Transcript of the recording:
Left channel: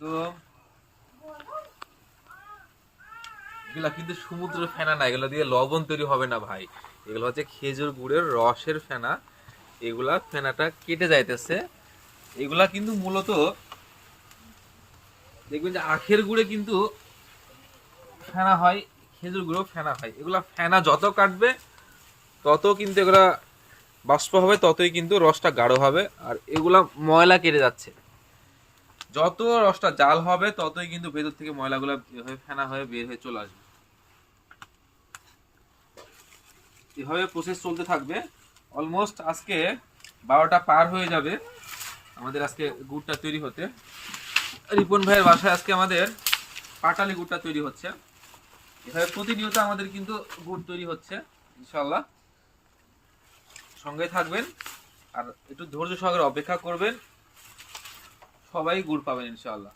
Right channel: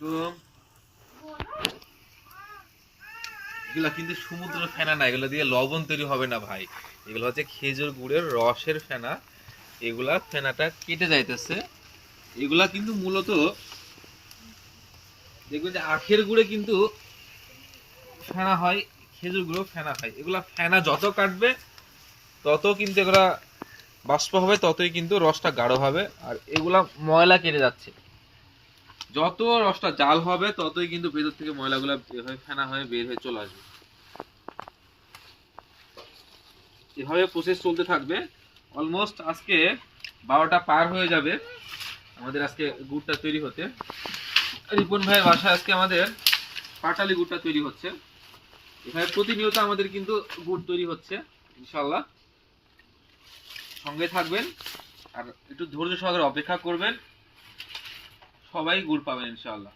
আলাইকুম। এগুলা কিন্তু সমুদ্র ফেনা না, এগুলো দিয়ে লবণ তৈরি হবে না ভাই। এগুলো হচ্ছে খেজুর গুড়ের রসের ফেনা। এগুলা ফেনাটা কেটে যাইতেছে। এগুলা কিন্তু মূলত দেখবেন যে আখের গুড়ে কিন্তু ফেনা হয়, খেজুর গুড়েও ফেনা হয়। এগুলা ফেনা যত কাটবে তত কিন্তু এগুলা বাষ্প হবে, ততই কিন্তু রসটা গাঢ় হবে। আর এগুলা ময়লা কেটে যাচ্ছে। যত রসটা জাল হবে ততই কিন্তু ভেতর থেকে ময়লাগুলো এভাবে ফেনা হয়ে বের হয়ে চলে আসবে। এভাবে প্রসেস চলতে থাকবে। অলমোস্ট আজকে 12টা পার হয়ে যাবে আমাদের আজকে গুড়টা তৈরি হতে। রিপন ভাইয়ের বাসায় আজকে আমাদের পাটালি গুড়টা তৈরি হচ্ছে। এভাবে প্রতিনিয়ত আমাদের কিন্তু গুড় তৈরি হচ্ছে ইনশাল্লাহ। সঙ্গে থাকবেন আর একটু ধৈর্য সহকারে অপেক্ষা করবেন, সবাই গুড় পাবেন ইনশাল্লাহ।